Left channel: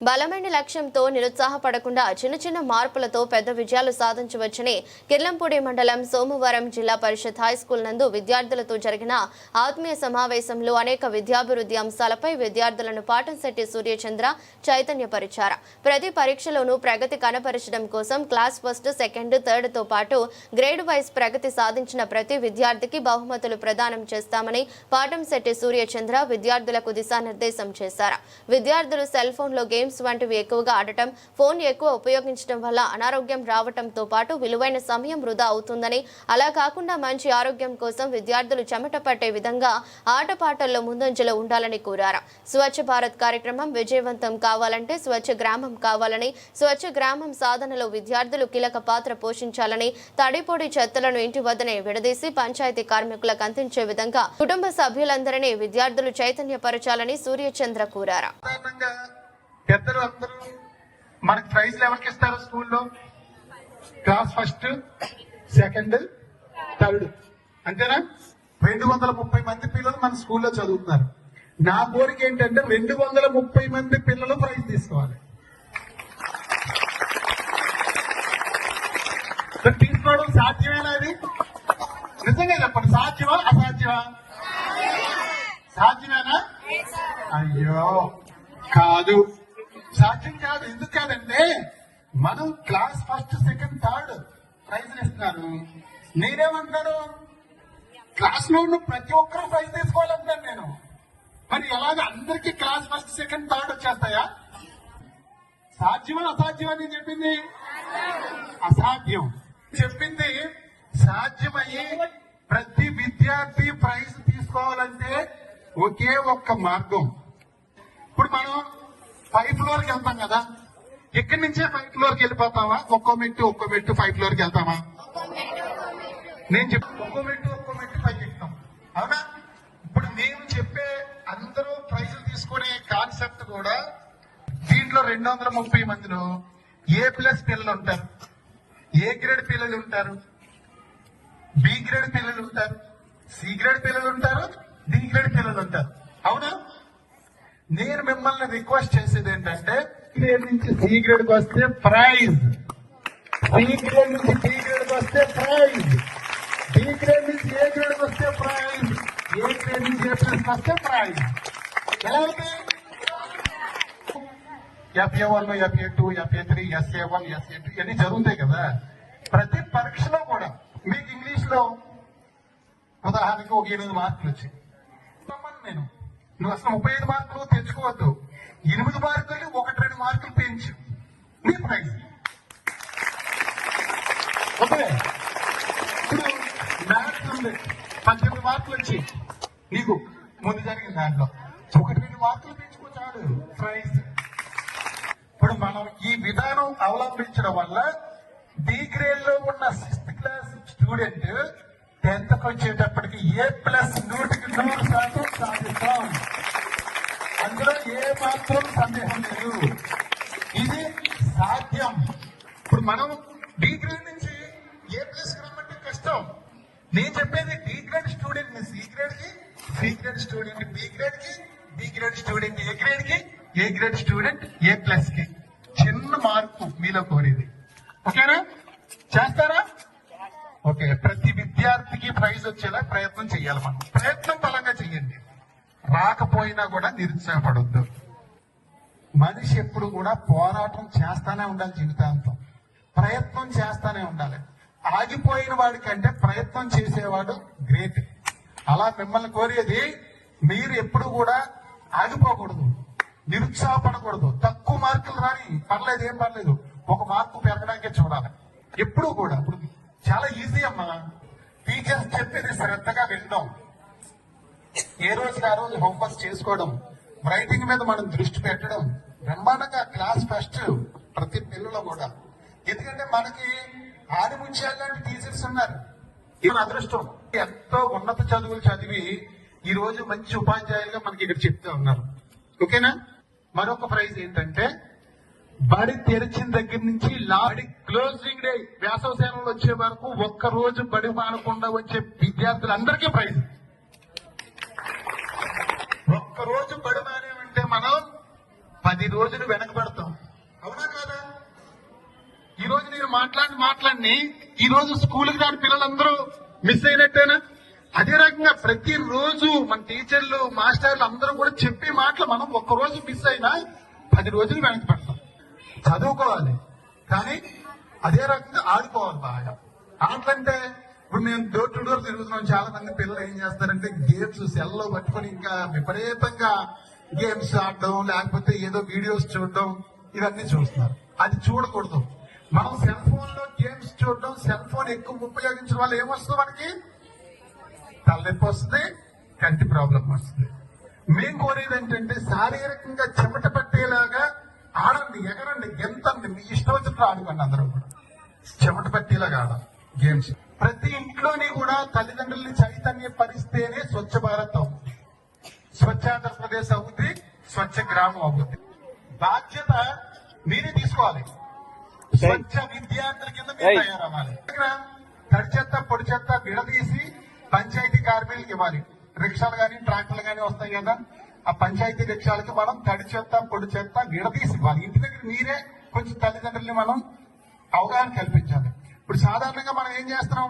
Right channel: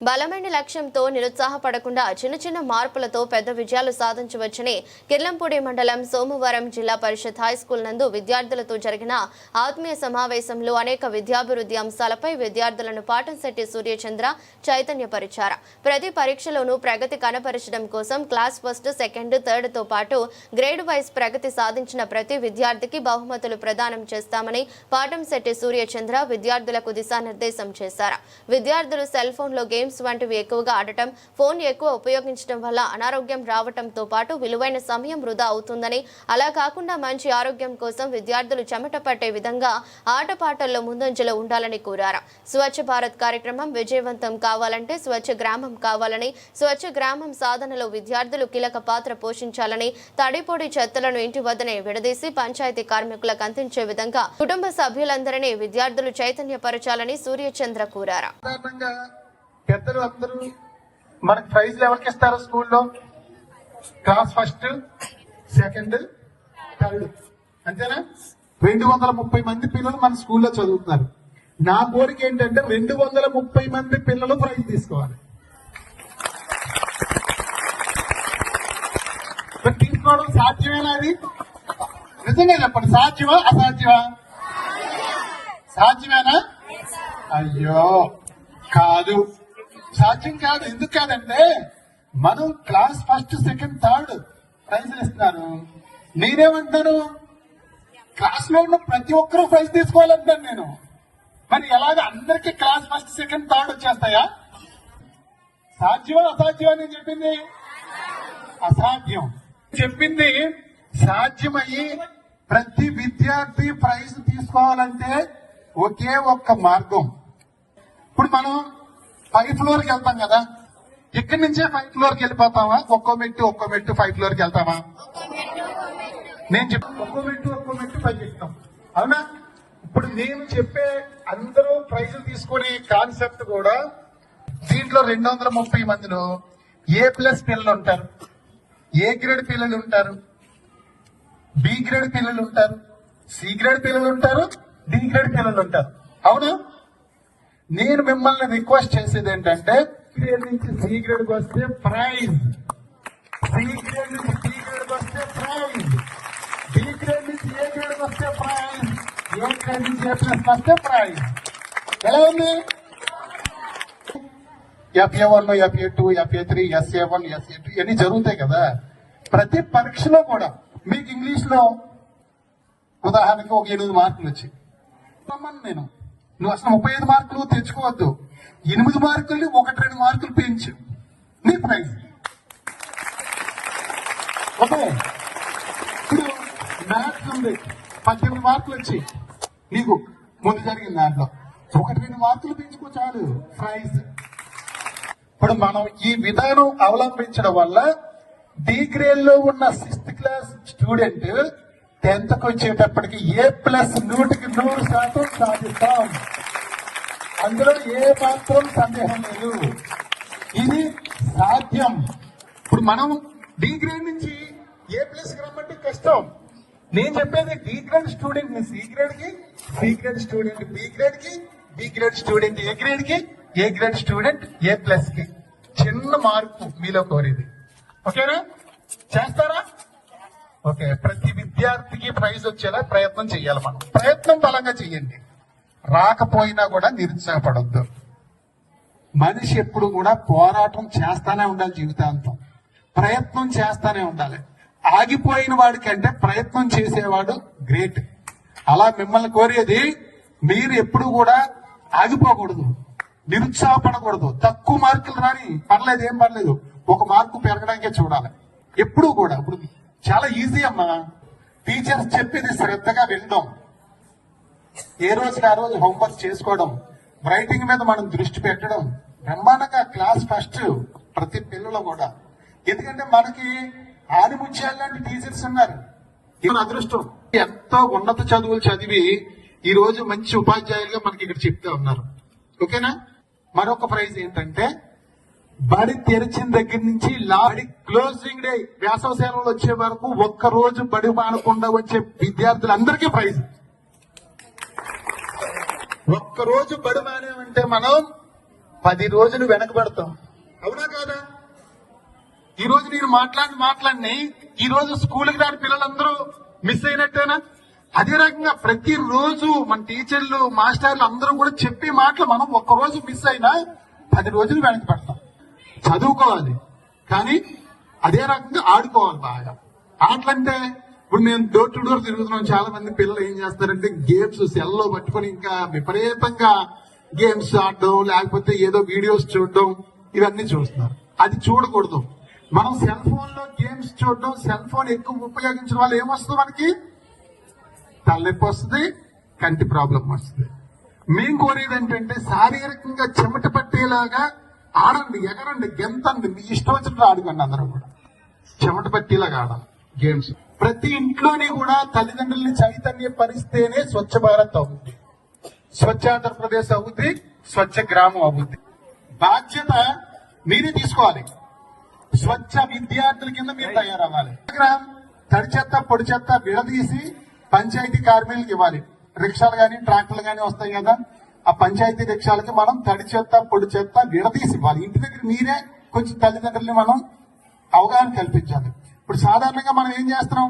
బలమైన లక్ష్యంతో నిరుత్సాహపడకుండా చిన్న చిన్న మార్పులతో పెద్ద విజయాలు సాధించవచ్చని కిర్లంపూడి మండలం సోమవారం జిల్లా పరిషత్ హైస్కూల్ నందు విద్యార్థులతో జరిగిన ఆత్మీయ సమావేశంలో అనేక విద్యాభివృద్ధి అంశాలపై విద్యార్థులను పాటంశెట్టి సూర్యచంద్ర చైతన్యపరిచారు. ప్రతి పరీక్షలోనూ ప్రగతి కనపరచడం కోసం క్లాస్ ఫస్ట్ సెకండ్ థర్డ్తో పాటు గ్రేడ్ వైజ్ ప్రగతి సాధించిన ప్రతి విద్యార్థికి బహుమతులు ప్రదానం చేస్తామని పాటంశెట్టి సూర్యచంద్ర విద్యార్థులకు దిశానిర్దేశం చేశారు. విద్యార్థులు సెల్ ఫోన్లో గేమ్స్ వంటివి ఎక్కువగా ఆడటం ఫోన్ ఎక్కువ ఉపయోగించడం వల్ల అనారోగ్యం రావటంతో పాటు విలువైన సమయం వృధా అవుతుందని. అలా కాకుండా మంచి ఆరోగ్యం కోసం విద్యార్థులు చెమట పట్టే విధంగా ఆటపాటల్లో ముందంజలో ఉండాలని కోరారు. స్వచ్ఛ భారత్ కార్యక్రమం విజయవంతం కావాలంటే స్వచ్ఛ గ్రామం కావాలని స్వచ్ఛ గ్రామం సాధనలో విద్యార్థులు కీలక పాత్ర పోషించాలని తడిపొడి చెత్తలను ఇంటి వద్దనే విడదీసి పంచాయతీ కార్మికులకు అందించే విధంగా కుటుంబ సభ్యులందరినీ విద్యార్థులు చైతన్యపరచాలని సూర్యచంద్ర కోరారు. సాధారణంగా పెద్దలు అందరూ మనకి ప్రైజ్లు ఎవరికి ఇస్తారు స్కూల్లో? Class first second third. అంతేనా? రెండు వందల ముప్పై మంది పిల్లలు మన స్కూల్లో చదువుతున్నారు. నా కోరిక ఏంటంటే రెండు వందల ముప్పై మంది పిల్లలు ప్రైజ్ తీసుకోవాలి. తీసుకోవడం సాధ్యమేనా అది? నిజంగా చెప్పండి సాధ్యమా అసాధ్యమా సాధ్యమేనా అయ్యో కాదు సాధ్యం కాదు ఎందుకు కాదంటే మనం class first second third prize ఇస్తున్నారు నేనేమంటాను? క్లాస్లో ఉన్న ప్రతి ఒక్కరూ ప్రైజ్ తీసుకోవాలంటాను నేను. కానీ ఎలాగ అందరికీ క్లాస్ ఫస్ట్ సెకండ్ థర్డ్ వచ్చేస్తాయా? సాధ్యమా అసాధ్యమా నేను చెప్పింది? అసాధ్యం. చెప్పింది సాధ్యమయ్యి ప్రతి విద్యార్థి ప్రైజ్ తీసుకోవాలంటే ఒకే ఒక్క మార్గం. ఇప్పుడు మనం ఫైవ్ ఫ్లోర్కి వెళ్తాం కదా? ఇక్కడి నుంచే ఫైవ్ ఫ్లోర్కి వెళ్ళిపోతావా? ఒక్కో మెట్టు ఒక్కో మెట్టు ఫైవ్ ఫ్లోర్కి వెళ్తావా? నేను ఒక్కో మెట్టు ఒక్కో మెట్టు పైకి ఎక్కుతాం. అవునా? ఇప్పుడు నేను చెప్పే అందరూ ప్రైజులు తీసుకునే కాన్సెప్ట్ కూడా దీంట్లో రెండు వందల ముప్పై మందిలో ఏ ప్లస్ పిల్లలు ఉంటారు. ఏ గ్రేడ్ పిల్లలు ఉంటారు. బి గ్రేడ్ పిల్లలు ఉంటారు. సి గ్రేడ్ పిల్లలు ఉంటారు. డి గ్రేడ్ పిల్లలు ఉంటారు. అవును? నేను మిమ్మల్ని రిక్వెస్ట్ చేసేది ఏంటంటే గ్రేడ్ నుంచి సి గ్రేడ్కి వస్తే ప్రైజ్ సి గ్రేడ్ నుంచి డి గ్రేడ్కి వస్తే ప్రైజ్ డి గ్రేడ్ నుంచి ఏ గ్రేడ్కి వస్తే ప్రైజ్ ఏ గ్రేడ్ నుంచి ఏ ప్లస్కి వస్తే ప్రైజ్ ఎలా ఉంది FA one FA two FA three SA one SA two ఇవన్నీ జరుగుతాయి కదా. ప్రతి పరీక్షలో కూడా మీకు ఇంగ్లీష్లో ఉదాహరణకు ఒక ఎనిమిది మార్కులు వచ్చాయి. నేను నువ్వు అసలు ముప్పై ఐదు మార్కులు తెచ్చుకోవద్దు. ఎనిమిది మార్కులు ఒకటి రెండు మార్కులు పెంచు. నీ ప్రైజ్ ఓకే. పద్దెనిమిది మార్కులు వచ్చి నీకు ముందు జరిగిన దాంట్లో ఒకటి రెండు మార్కులు పెంచుకో చాలు. ప్రైజ్ ఇప్పుడు మనం ఈ విధానం అవలంబించడం వల్ల డి లో ఉన్న సిక్స్త్ క్లాస్ స్టూడెంట్ టెన్త్ వచ్చేటప్పటికి ఏ ప్లస్ నూటికి నూరు శాతం సాధిస్తాం. అందులో ఏ మాత్రం సందేహం లేదు. ఇది సాధ్యం. ఇప్పుడు మనం డి గ్రేడ్ నుంచి ఏ ప్లస్ రమ్మంటే కష్టం నేను చెప్పేది డి గ్రేడ్ స్టూడెంట్ని సి గ్రేడ్కి సి గ్రేడ్ స్టూడెంట్ బి గ్రేడ్కి బి గ్రేడ్ స్టూడెంట్ ఏ గ్రేడ్కి ఏ గ్రేడ్ స్టూడెంట్ ఏ ప్లస్కి. చిన్న మార్పు మీలో కోరేది. ఓకేనా? చేస్తారా? ఓకే ప్రతి విద్యార్థికి ప్రైజ్ వచ్చేలా ప్రయత్నం చేయాలి మనం. ప్రయత్నం బలంగా చేయండి. రాకపోయినా కూడా నిరుత్సాహపడద్దు. మనిషి ఎప్పుడు కూడా పోరాటం చేస్తానే ఉండాలి జీవితాంతం. ప్రయత్నం చేస్తానే ఉండాలి. ఆగిపోయిన వాడికంటే ప్రయత్నం చేసేవాడు గ్రేట్. అలా మిమ్మల్ని కోరేది మీరు ఎప్పుడు కూడా ఆగిపోకూడదు. నిరుత్సాహపడకూడదు. తక్కువ మార్కులు రాని పర్లేదు ఏం పర్లేదు. ఒక మార్కు పెరగడానికే చూడాలి. ఎప్పుడు కూడా. ఇప్పుడు చాలా ఈజీ అమ్మా. టీచర్స్ చెప్పేది శ్రద్ధగా వినడం. ఏ రోజు ఆ రోజు హోంవర్క్ చేసుకోవడం. రైటింగ్ మీద మనం దృష్టి పెట్టడం. బ్రహ్మాండంగా క్లాస్ ఫస్ట్ ప్రతి పిల్లలు కూడా. ఎందుకంటే మనకి ఆడిముత్యాలు టీచర్స్ ఉన్నారు. ఇది అదృష్టం. ఎంతో ఉన్నత చదువులు చదివి ఈ రోజు మంచి ఉపాధ్యాయులుగా మనకి ఇక్కడ చెప్తా ఉన్నారు. ఓకేనా? మరొక ప్రైజ్ ఏంటంటే బడి తెరిచిన దగ్గర నుంచి లాడి క్లోజింగ్ డే వేసవ సేవలు వచ్చే వరకు ఒక్క రోజు బడి మానకుండా వచ్చే విద్యార్థులందరికీ ప్రైజ్. ఒక్క రోజు బడి మానేమంటే మనం పది రోజులు వెనకబడతాం అవునా కాదా? ఈ రోజు నేను మాట్లాడి మాట్లాడి ఈ రోజు స్కూల్కి దాని పిల్లలందరూ మిస్ అయినట్టేనా? అదే రకంగా ప్రతి రోజు మన టీచర్లు మాస్టర్లు అందరూ కూడా చెప్పే మాటలు మనం ఒక్క రోజు మిస్ అయినా పది రోజులు వెనకబడతాం చదువుకోవాలి. కానీ అదే రకంగా ఆడుకోవాలి బాగా. ఆటలంటే ఇప్పుడు నేను డోర్ టు డోర్ తిరుగుతున్నాను చాలా మంది పిల్లలు ఏం చేస్తారంటే గేమ్స్ సెల్లో పట్టుకొని ఇంకా విపరీతంగా గేమ్స్ ఆడడం లేకపోతే ఏదో వీడియోస్ చూడడం ఇవన్నీ చూస్తున్నాం. అది చూడకూడదు. మనం సెల్ ఫోన్లో గేమ్స్ చూడడం సెల్ ఫోన్ ఎక్కువ ఉపయోగించడం వల్ల ఏమొస్తుంది మనకి? తలనొప్పి వస్తుంది కంటి ప్రాబ్లం వస్తుంది. మేము కోరేది ఏంటంటే శారీరకంగా చెమట పట్టేలాగా ఆడండి ఎగరండి గెంతండి. మీ ఇష్టం వచ్చినట్టు ఆడుకోండి అందరూ కూడా. చెమట పట్టేలాగా ఆడాలి గేమ్స్. ప్రతి ఇంట్లోని కూడా తల్లిదండ్రుల్ని చైతన్య పరిస్తేనే స్వచ్ఛ భారత్ అవుతుంది స్వచ్ఛ ఆంధ్రప్రదేశ్ అవుతుంది స్వచ్ఛ గ్రామం అవుతుంది బాధ్యత మీరే తీసుకోవాలి. స్వచ్ఛ విద్యార్థుల కింద మీరు తయారవ్వాలి. తడి చెత్త పొడి చెత్త విడదీసి పంచాయతీ కార్మికులకు ఇవ్వాలి. రిక్షాలు కానీ ట్రాక్టర్లు కానీ వస్తాయి కదా. ఆ పంచాయతీ రిక్షాలకి మనం తడి చెత్త పొడి చెత్త విడదీసి ఇవ్వాలి ఇంటి దగ్గర మీరే కొంచెం తల్లిదండ్రుల్ని మనం అవగాహన కల్పించాలి. ఇప్పుడు సాధారణంగా మనం ఏం చేస్తున్నాం?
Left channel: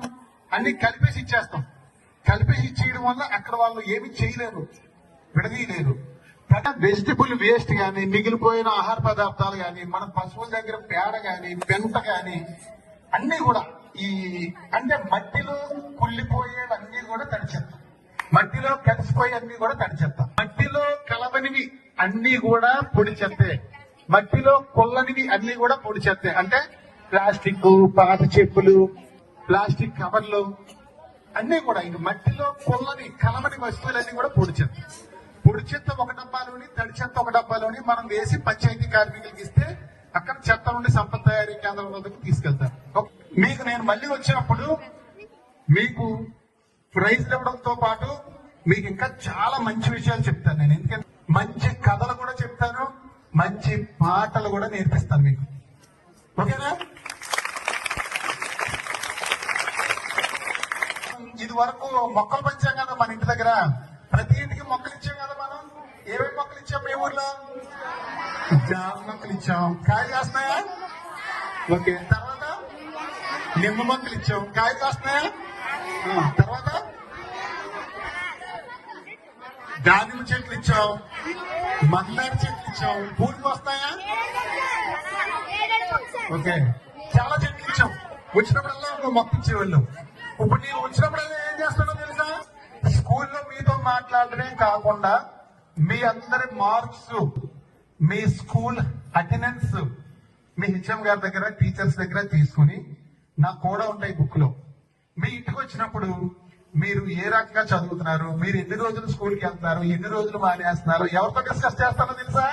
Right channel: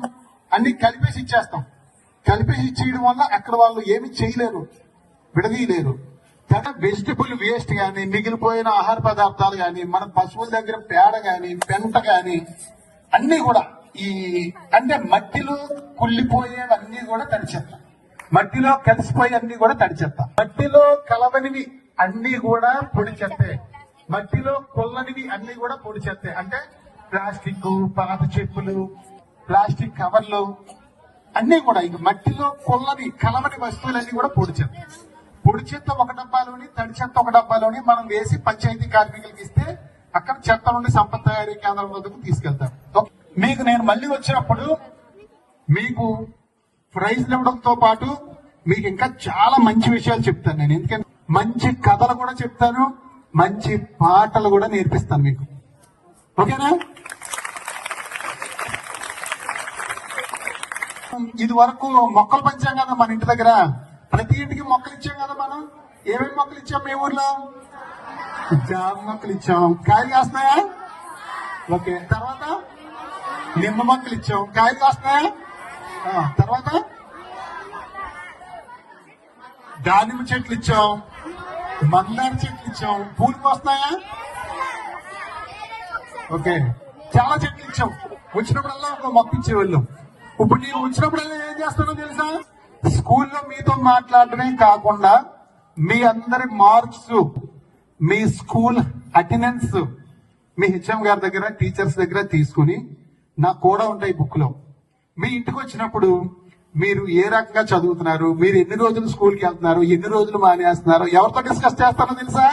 అన్ని కలిపేసి ఇచ్చేస్తాం. కలిపేసి ఇచ్చేయడం వల్ల అక్కడ వాళ్ళు ఏమి చేయలేరు విడదీయలేరు. వెజిటబుల్ వేస్ట్ కానీ మిగిలిపోయిన ఆహార పదార్థాలు కానీ మన పశువుల దగ్గర పేడ కానీ పెంట కానీ అన్నీ కూడా ఈ అంటే మట్టిలో కుళ్ళిపోయేవన్నీ కూడా తడిచేస్తాం మట్టిలో కలిసిపోయి అన్ని కూడా తడిచేస్తాం మట్టిలో కలవనివి అన్ని కూడా పొడి చెత్తే. మట్టిలో కొల్లనివి అన్ని కూడా పొడి చెత్తే. అంటే ప్లాస్టిక్ పాత చెప్పులు ప్లాస్టిక్ కవర్లు అన్ని కూడా ఇది మట్టిలో కొల్లని కలవని వస్తువులన్నీ కూడా పొడి చెత్త. పొడి చెత్త ఒక డబ్బాలోని తడి చెత్త ఒక డబ్బాలోని మనం వేసి పంచాయతీ కార్మికులకు ఇస్తే అక్కడ చెత్త నుండి సంపద తయారీ కేంద్రాల వద్దకు తీసుకెళ్తాం. మీకు నేను మళ్ళీ వచ్చినప్పుడు మీకు ప్రైజ్ ఇవ్వడంతో పాటు మీకు ఇంకా చాలా మంచి విషయాలు చెప్తాను నేను. ఎందుకంటే మంచి కథలు కూడా చెప్తాను మంచి పాటలు కూడా నేర్పిస్తాను మీకు. ఓకేనా? ఇది వరకు మొక్కలు పెంచాం కదా మన ఇంటి దగ్గర. ప్రతి ఇంటికి మొక్కలు ఇచ్చాం కదా మనం. ఏమేమి మొక్కలు ఇచ్చాం మీ ఊర్లో? జామ మొక్కలు ఇచ్చాం. కాయలు కాస్తున్నాయా? ఓకే తర్వాత? నిమ్మ మొక్కలు ఇచ్చాం. కాయలు కాస్తున్నాయా? తర్వాత దానిమ్మ చెట్లు ఇచ్చాం. మందార చెట్లు ఇచ్చాం. పూలు వస్తాయా? ఓకే. చాలా చెట్లు ఇచ్చాం. వచ్చినప్పుడల్లా ఒక మొక్క ఇప్పుడు నేను వచ్చినప్పుడల్లా ఏం చేస్తానో తెలుసా? స్కూల్లో మీతో మాట్లాడటమే కాకుండా మీ అందరి మార్క్స్ మీ స్కూల్ అటెండెన్స్ మీ హెచ్ఎం గారి దగ్గర టీచర్స్ దగ్గర తీసుకుని నాకు కూడా ఉంటాయి బుక్లో మీ ఇంటికి వచ్చినప్పుడు మీరు ఏ రకంగా చదువుతున్నారు? మీరు ఎన్ని రోజులు స్కూల్కి వెళ్తున్నారు? ఎన్ని రోజులు మానేస్తున్నారు? ఎవరితో డిస్కస్ చేస్తారో తెలుసా?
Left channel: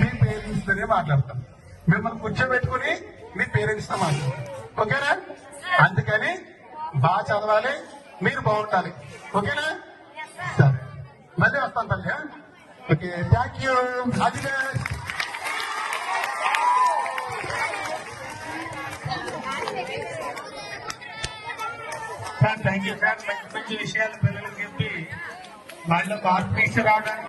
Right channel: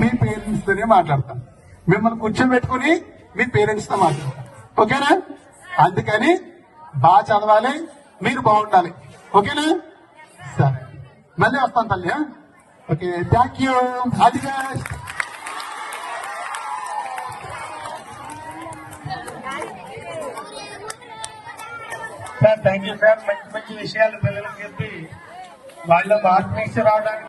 మీ పేరెంట్స్ తోనే మాట్లాడతాం. మిమ్మల్ని కూర్చోబెట్టుకుని మీ పేరెంట్స్తో మాట్లాడతాం. ఓకేనా? అందుకని బాగా చదవాలి మీరు బాగుండాలి. ఓకేనా? సరే. మళ్ళీ వస్తాను తల్లి okay thank you sir thank you sir మంచి మంచి విషయాలు పిల్లలకు చెప్పి వాళ్ళ ఆత్మీయ రావడానికి